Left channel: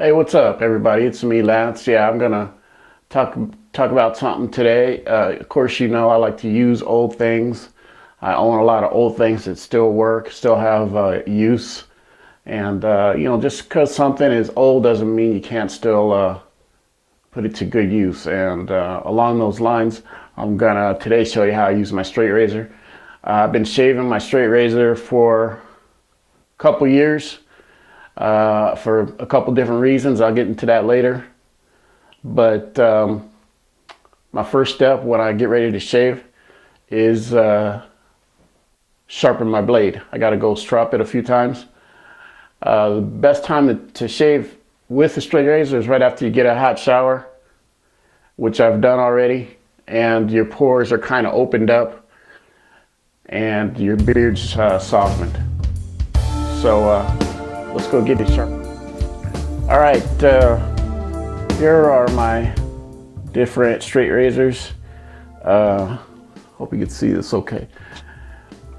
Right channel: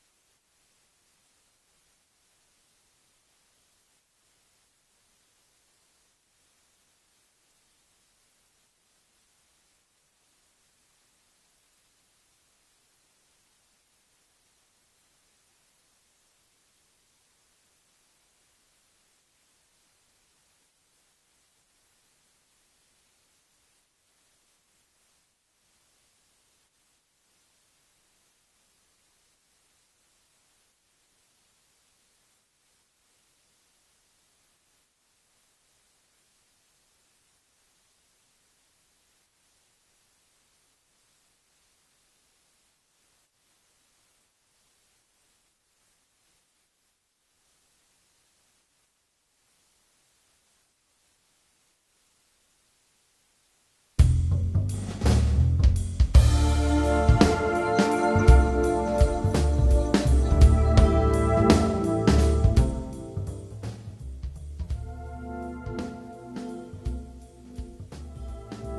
Hey, what's up, everybody? It's me, Lance. Yeah, I'm gonna talk talk about something today. Of course, you know I like to use old things. I own a lot of old things that still work, still have use, and just because something is old doesn't mean you can't still put it to good use. And along those lines, I'm gonna today show you how I use my straight razor. I've been shaving my straight razor for a couple years for a couple different reasons. I'll get into that later. But my first step when I get ready to shave is sharpen my blade. I got to go strop it a few times. The best time to shave with a straight razor is right after you get a hot shower, which I've done already, and your pores are kind of opened up and your beard's softened. So let's go get it sharp. All right, here are my different straight razors. Hope you can see this okay.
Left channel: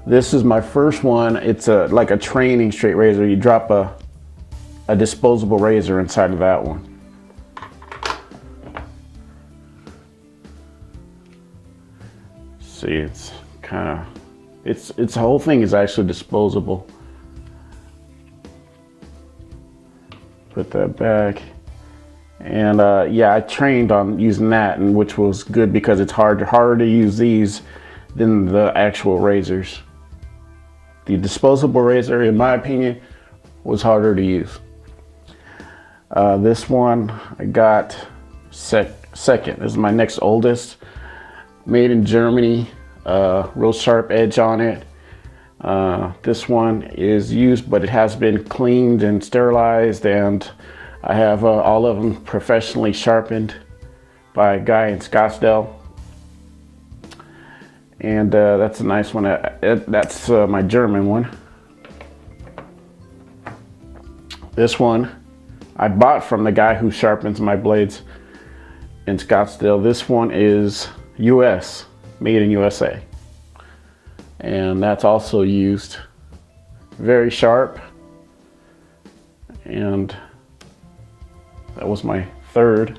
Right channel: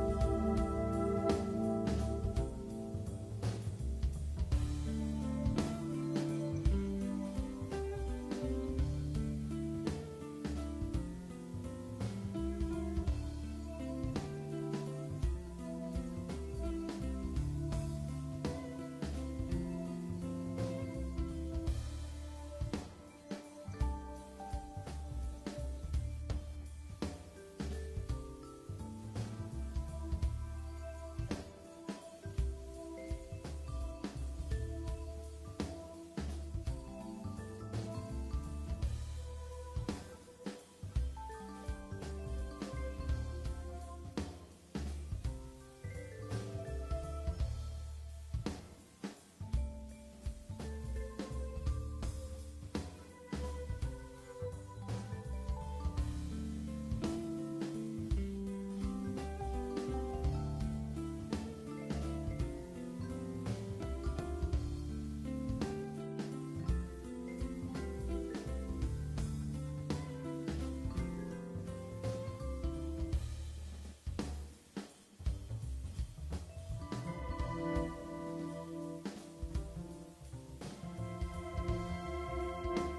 This is my first one. It's like a training straight razor. You drop a disposable razor inside of that one. See, it's kind of, it's the whole thing is actually disposable. Put that back. And yeah, I trained on using that, and which was good because it's harder to use these than the actual razors. The disposable razor, in my opinion, was harder to use. This one I got second. This is my next oldest. Made in Germany, real sharp edge on it. This one is used, but it has been cleaned and sterilized, and I have all of them professionally sharpened by a guy in Scottsdale. And that's a nice one. That's my German one. This one I bought from the guy who sharpens my blades in Scottsdale. This one is US, made in USA. And that's also used. Very sharp. And that was my third.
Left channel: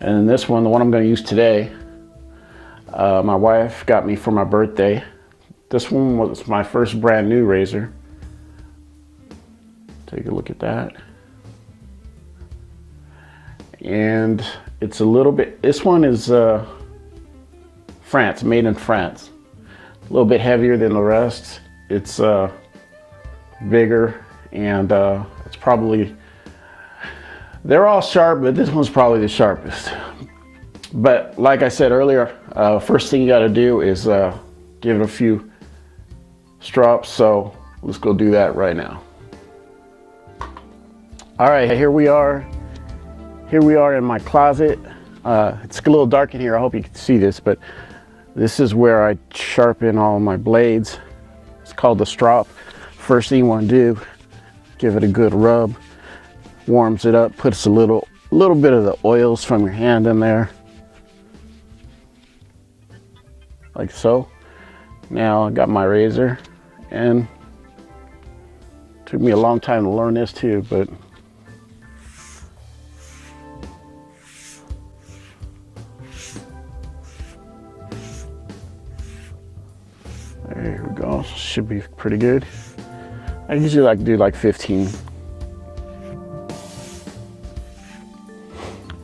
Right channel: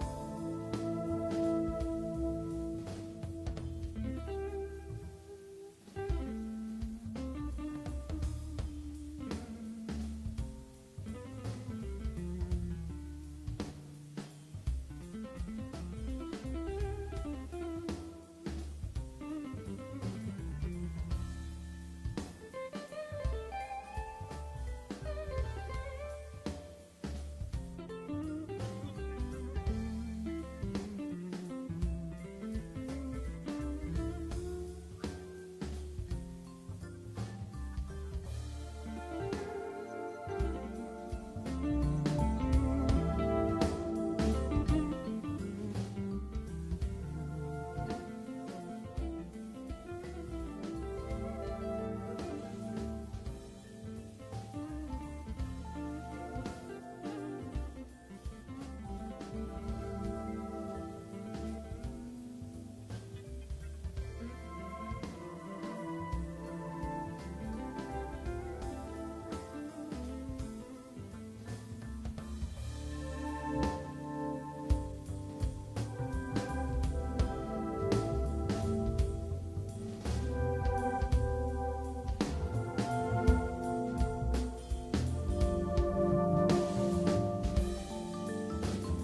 And this one, the one I'm going to use today, my wife got me for my birthday. This one was my first brand new razor. Take a look at that. And it's a little bit, this one is France, made in France. A little bit heavier than the rest. It's bigger, and it's probably, they're all sharp, but this one's probably the sharpest. But like I said earlier, first thing you got to do is give it a few strops. So let's go do that right now. All right, here we are. Here we are in my closet. It's a little dark in here. I hope you can see this, but this is where I sharpen all my blades. It's called the strop. First thing you want to do, give it a good rub. Warms it up, puts a little bit of the oils from your hand in there. Like so. Now I got my razor, and it took me a long time to learn this too, but there we go. Should be pretty good. I usually like to do like 15.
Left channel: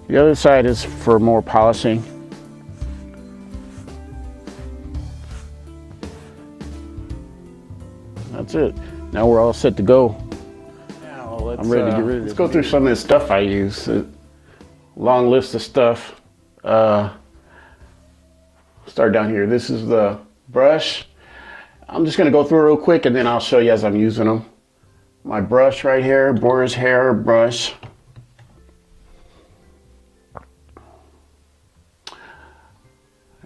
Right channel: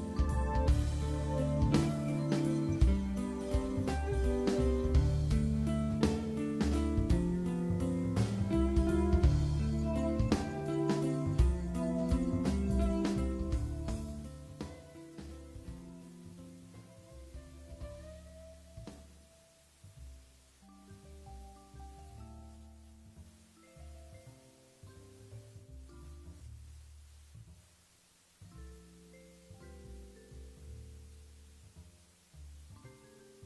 The other side is for more polishing. That's it. Now we're all set to go. Now I'm ready to get rid of it. Let's go through some of the stuff I use. Long list of stuff. Start down here. This is the brush. I'm just gonna go through it real quick, and then I'll show you as I'm using them. My brush right here, Boar's Hair brush.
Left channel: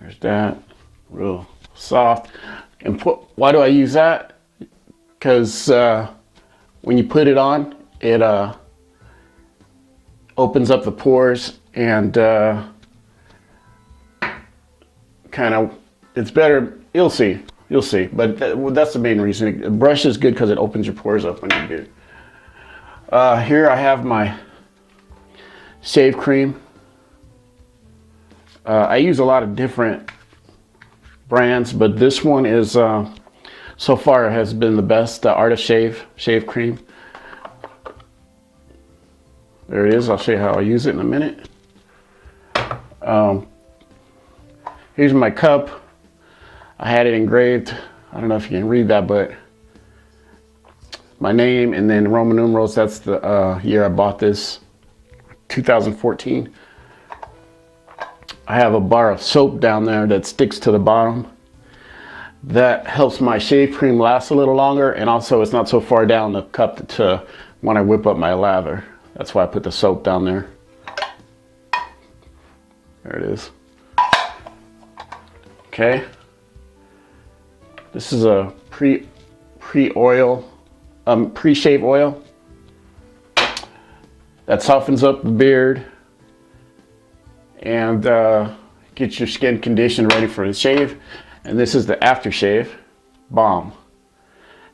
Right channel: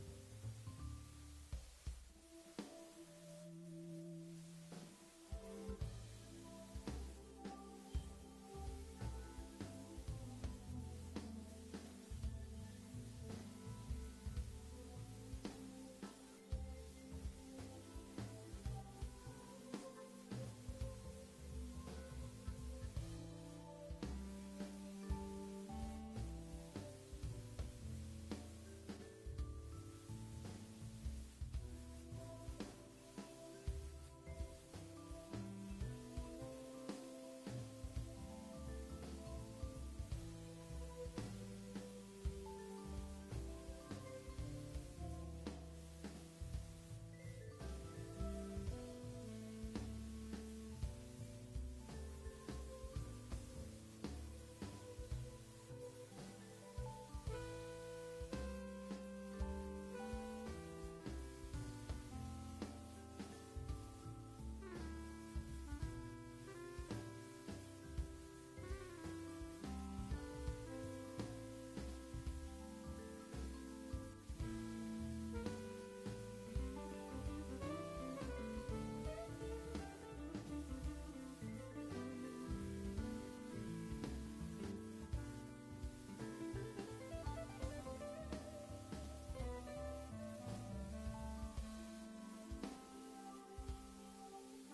There's that, real soft. And why do I use that? Because when you put it on, it opens up the pores, and kind of, it's better. You'll see, but that's the main reason. A brush is good because it opens your pores up when you do it. Here I have my shave cream. I use a lot of different brands, but this one is so far has been the best. The Art of shave cream. There it is. I'll show you how I use it in a minute. Here's my cup. I had it engraved. I don't know if you can read that, but my name and then Roman numerals. That's the year I bought this, 2014. I have a bar of soap down there that sticks to the bottom. That helps my shave cream last a little longer, and also it's not so far down the cup to when I whip up my lather. That's why I put the soap down there. There it is. Okay. This is a pre-shave oil that softens up the beard and gets your skin conditioned ready for the shave. And this is the aftershave balm,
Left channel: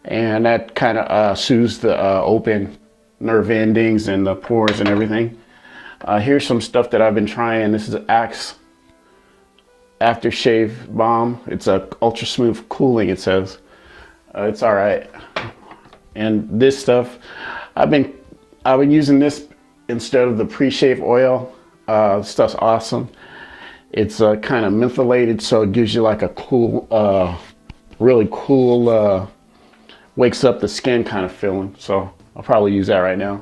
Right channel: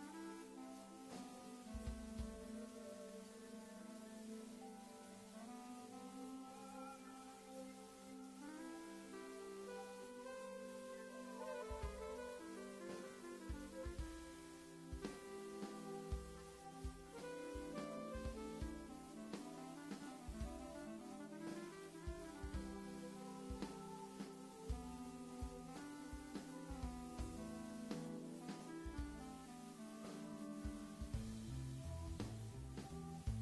and that kind of soothes the open nerve endings and the pores and everything. Here's some stuff that I've been trying. This is Axe aftershave balm. It's a ultra smooth cooling, it says. It's all right. And this stuff, I've been using this instead of the pre-shave oil. Stuff's awesome. It's kind of mentholated, so it gives you like a cool, really cool, wakes up the skin kind of feeling. So I'll probably use that right now.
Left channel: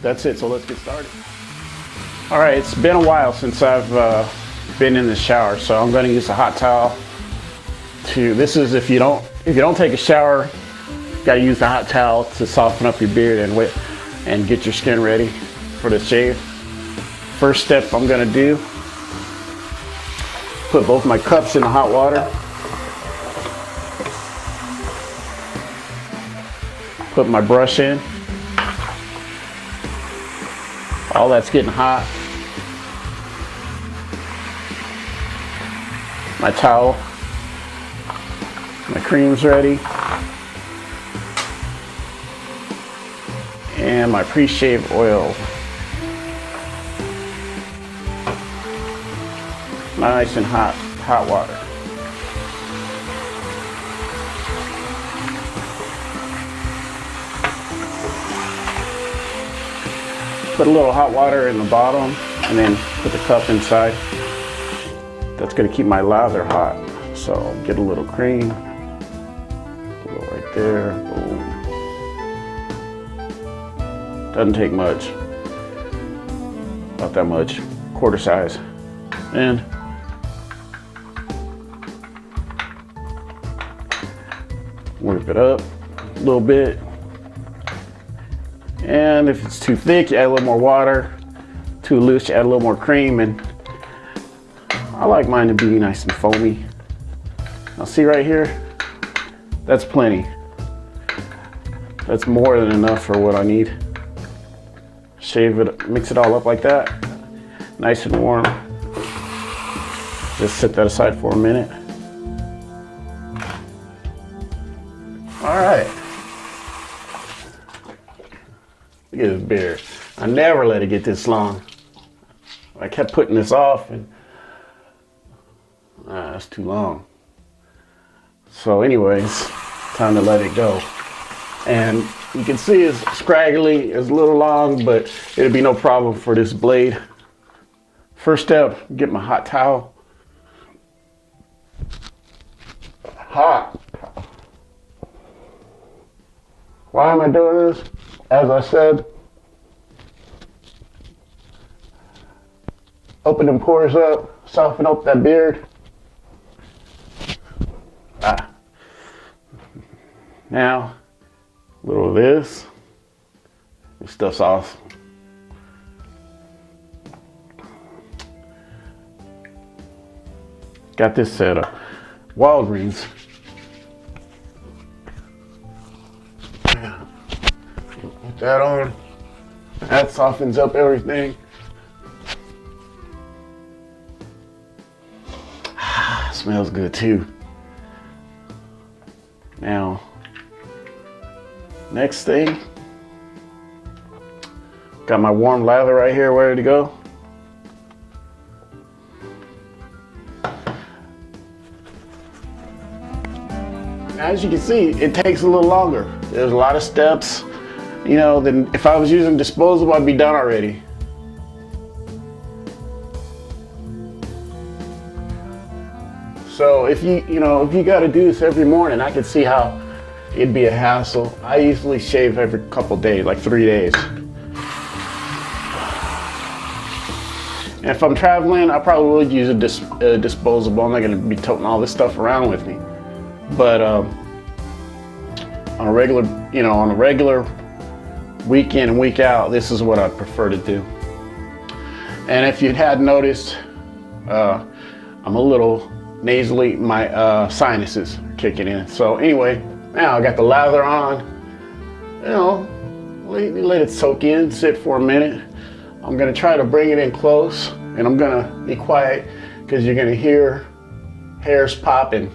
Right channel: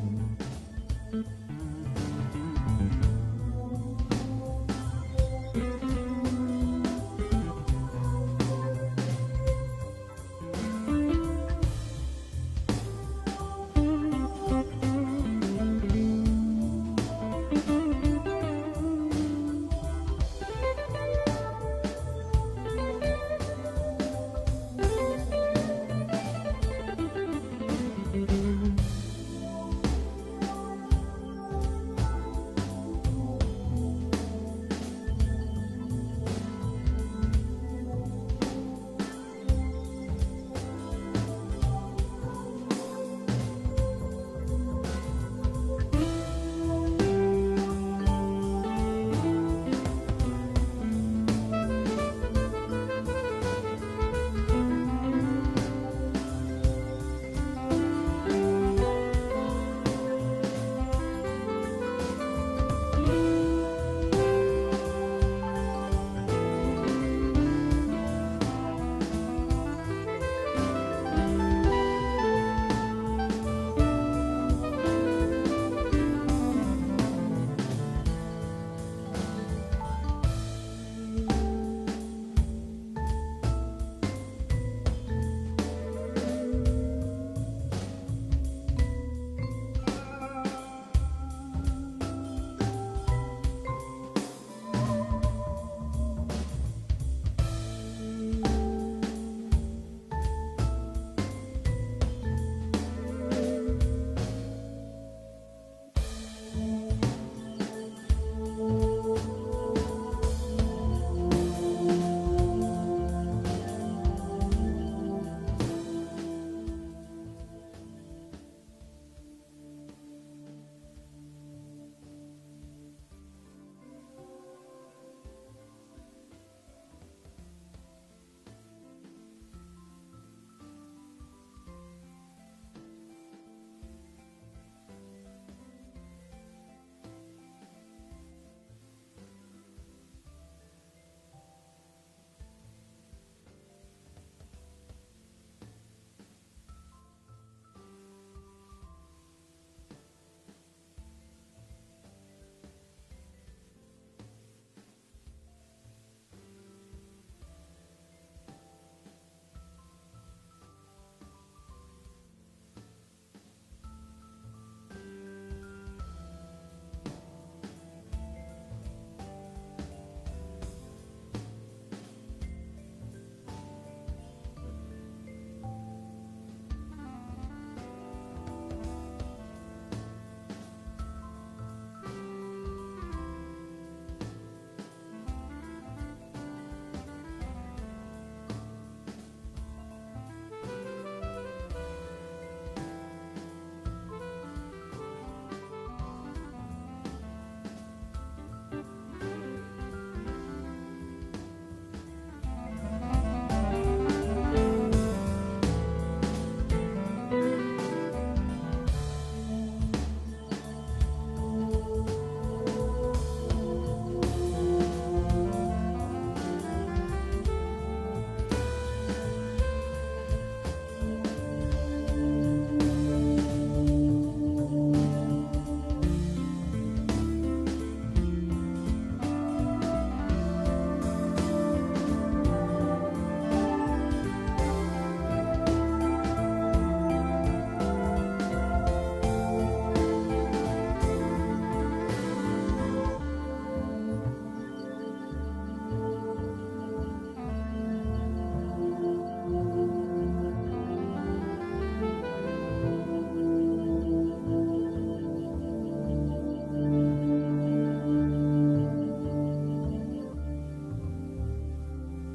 That's it, so let's get started. All right, it's been a while since I've been in the shower, so I'm gonna use a hot towel this is if you don't take a shower, you gotta use the hot towel to soften up your beard and get your skin ready for the shave. First step I'm gonna do, put both my cups in the hot water. Put my brush in. All that's getting hot. My towel. My cream's ready. And my pre-shave oil. Nice and hot water. Put a little hot water in the bottom and then put the cup inside. That's gonna keep my lather hot. So get a little cream, a little right there. Doesn't take much, not that much, quarter size. And whip it up a little bit. And if it's too thick, you add a little more water. Too loose, you add a little more cream. And I like mine to be nice and foamy. Now see right here, that's plenty. That's more than enough for what I need. Shave it, mix it all up like that. Nice and warm. Just set that aside for a minute. All right. Look at this beard. I never let it get this long. I kept putting this off and that's too long. So anyways, time to let it go. And you can see it's scraggly, it's a little long, but it'll be no problem for this blade. First step, get my hot towel. Hot. Why am I doing this? As I said, open them pores up, soften up that beard. Now, a little of this. This stuff's awesome. Got this set up. Walgreens. Put that on. That softens up everything. Smells good too. Now, Next thing, got my warm lather right here ready to go. As you can see, it takes a little longer. There's a lot of steps, you know, than if I was using disposable, I'd be done already. So if you got to do this every morning, I could see how it'd be a hassle. I usually shave every couple days, like 3 days. And if I'm traveling, I probably would use a disposable. I'm not going to be toting all this stuff around with me. But on a regular week in and week out, this is what I prefer to do. And if you had noticed, I'm a little nasally, my sinuses are kicking in. So anyway, now I got the lather on. You know, let it soak in, sit for a minute. I'm gonna try to bring it in close, and I'm gonna be quiet because you're gonna hear hairs popping,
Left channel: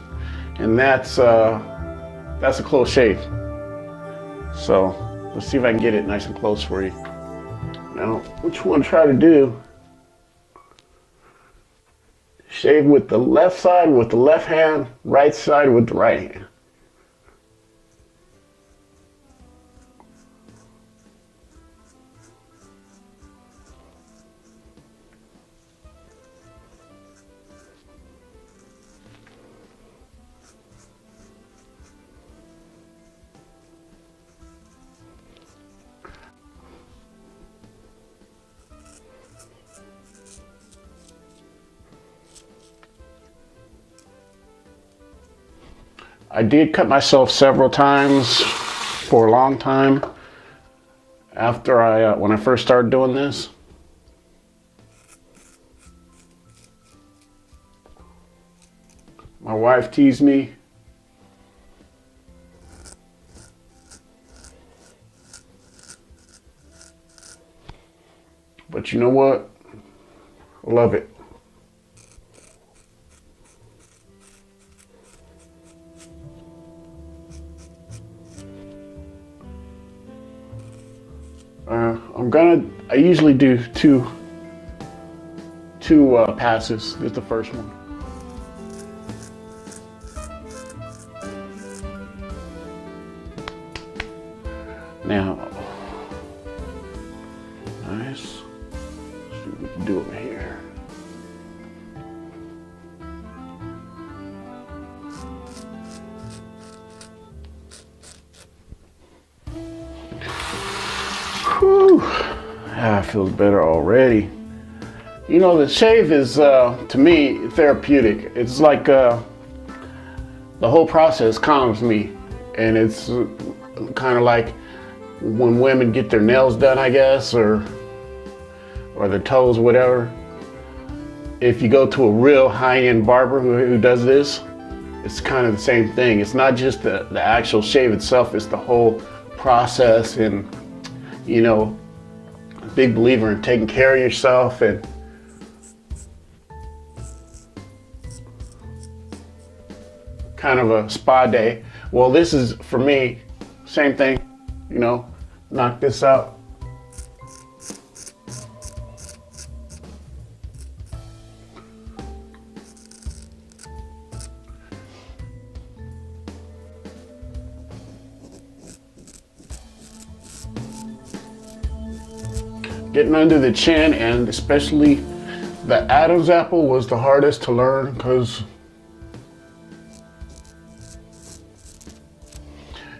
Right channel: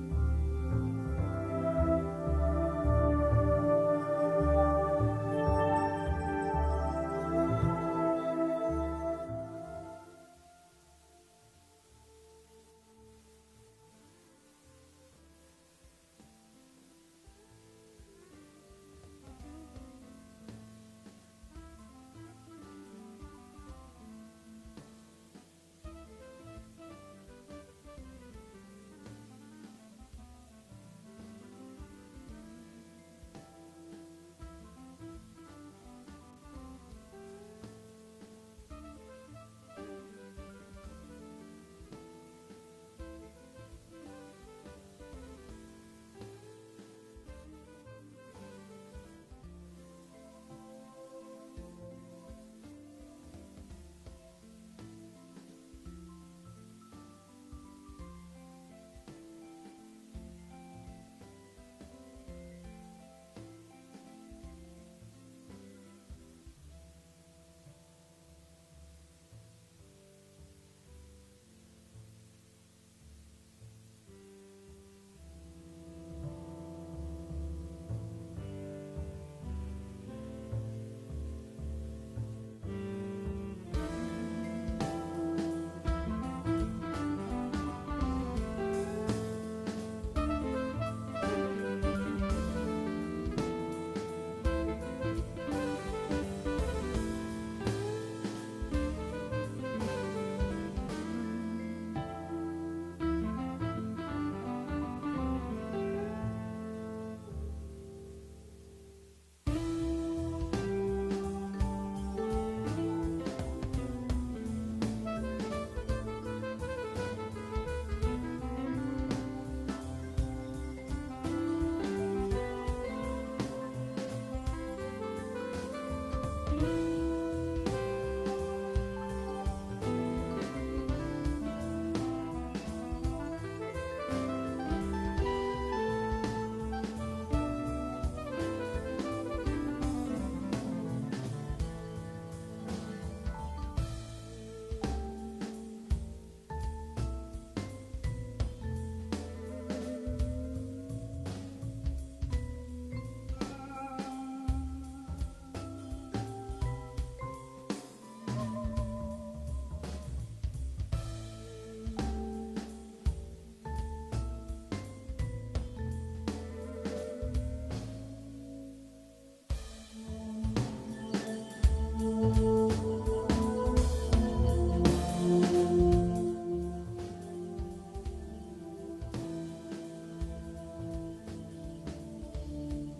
and that's a close shave. So let's see if I can get it nice and close for you. Now, what you want to try to do, shave with the left side with the left hand, right side with the right hand. I did cut myself several times for a long time after when I first started doing this. My wife teased me. But you know what? I love it. I usually do two passes. This is the first one. Now, nice. Do it here. Whew. Ah, feels better already. You know, the shave is, to me, therapeutic. It's like the whole process calms me. And it's kind of like when women get their nails done, I guess, or their toes, whatever. If you go to a real high-end barber who does this, it's kind of the same thing. It's not just the actual shave itself, it's the whole process. And, you know, big believer in taking care of yourself and kind of a spa day. Well, this is, for me, same thing, you know, knock this out. Getting under the chin, and especially the Adam's apple, was the hardest to learn because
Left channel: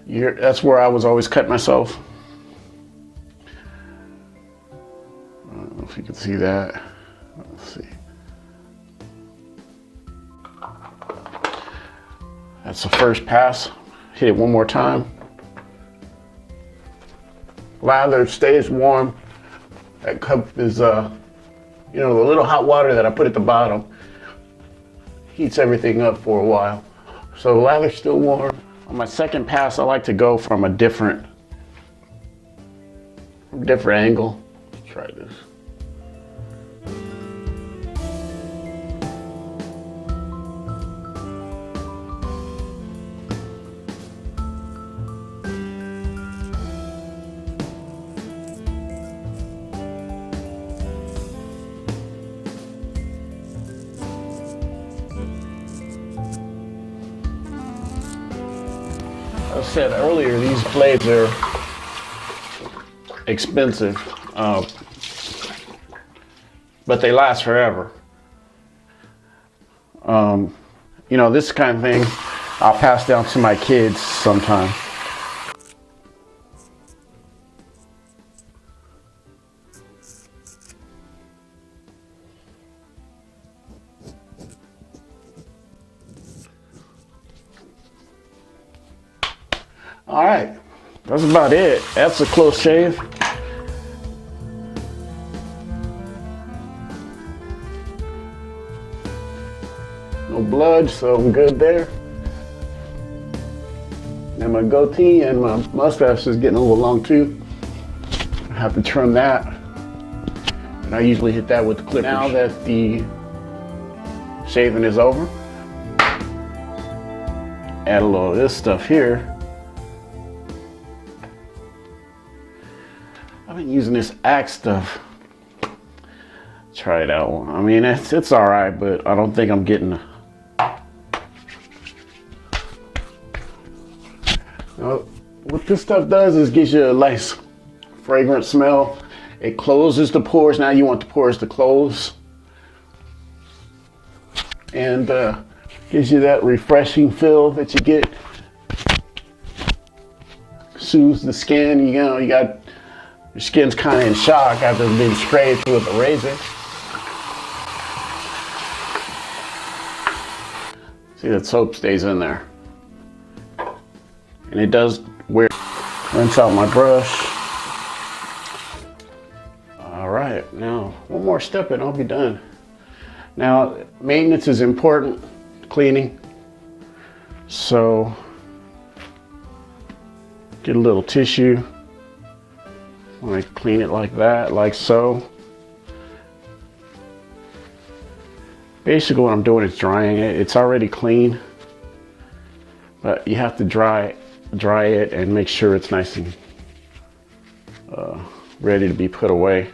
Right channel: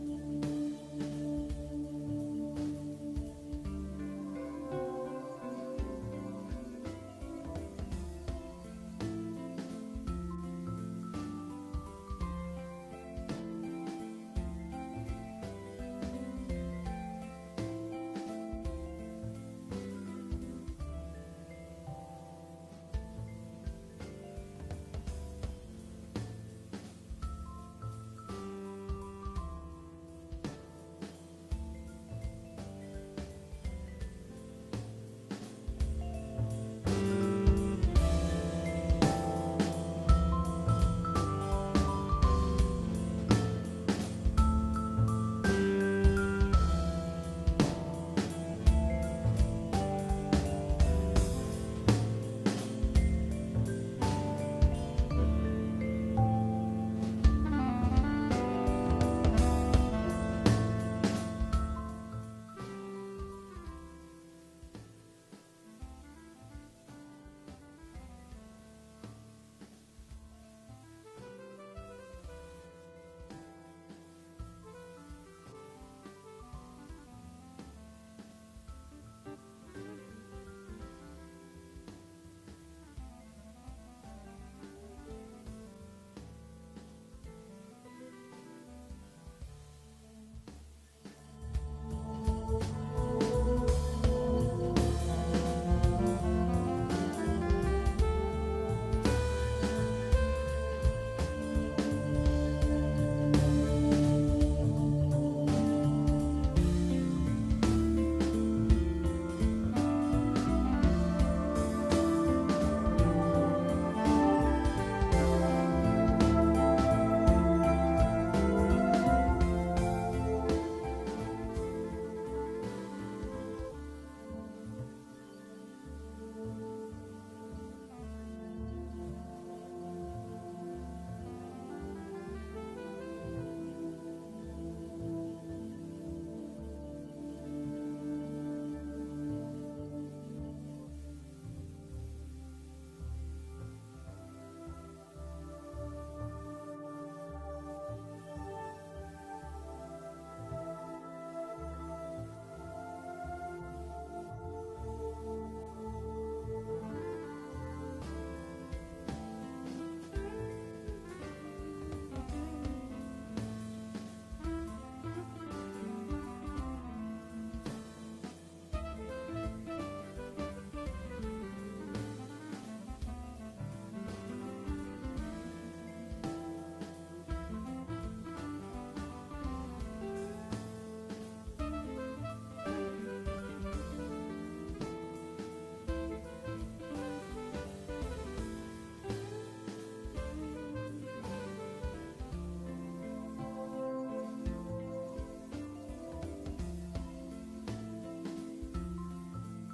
that's where I was always cutting myself. I don't know if you can see that. Let's see. That's the first pass. Hit it one more time. Lather stays warm. That cup is, you know, the little hot water that I put at the bottom heats everything up for a while. So the lather's still warm. On my second pass, I like to go from a different angle. Let's try this. said earlier, these blades are expensive, but they last forever. You know, this kind of thing I'll pass down to my kids sometime. All right, that's about it. That's a close shave. No blood, so I'm good there. And my goatee and my mustache is getting a little long too. I have to trim that. I usually hit that with the clip. Now that the shaving is over, add a little of this stuff here. I've been using this Axe stuff. Try it out. I mean, it's all right, but I don't think I'm getting. What this stuff does is gives you a nice fragrant smell. It closes the pores. Now you want the pores to close, and gives you that refreshing feel that you get. Soothes the skin. You know, you got. Your skin's kind of in shock after it's been scraped with a razor. See, that soap stays in there. And it does wear. Rinse out my brush. All right, now one more step and I'll be done. Now, maintenance is important, cleaning. So, get a little tissue. I clean it like that, like so. Basically what I'm doing is drying it. It's already clean, but you have to dry it and make sure it's nice and ready to be put away.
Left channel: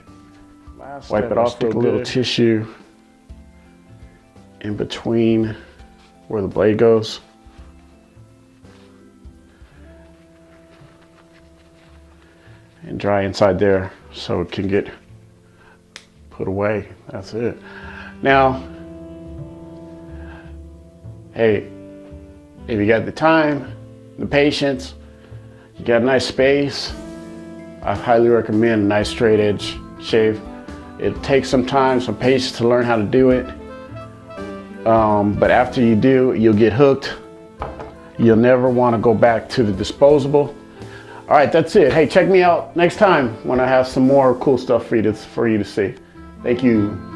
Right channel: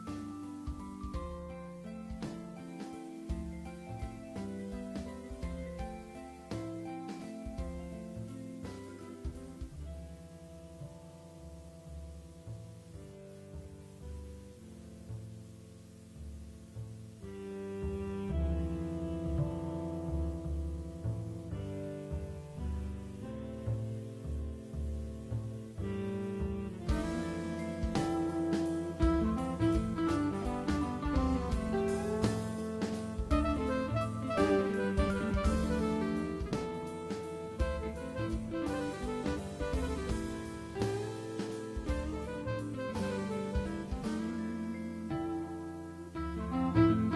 Wipe it off, take a little tissue in between where the blade goes. And dry inside there so it can get put away. That's it. Now, hey, if you got the time, the patience, you got a nice space, I highly recommend a nice straight edge shave. It takes some time, some patience to learn how to do it. But after you do, you'll get hooked. You'll never want to go back to the disposable. All right, that's it. Hey, check me out next time when I have some more cool stuff for you to see. Thank you.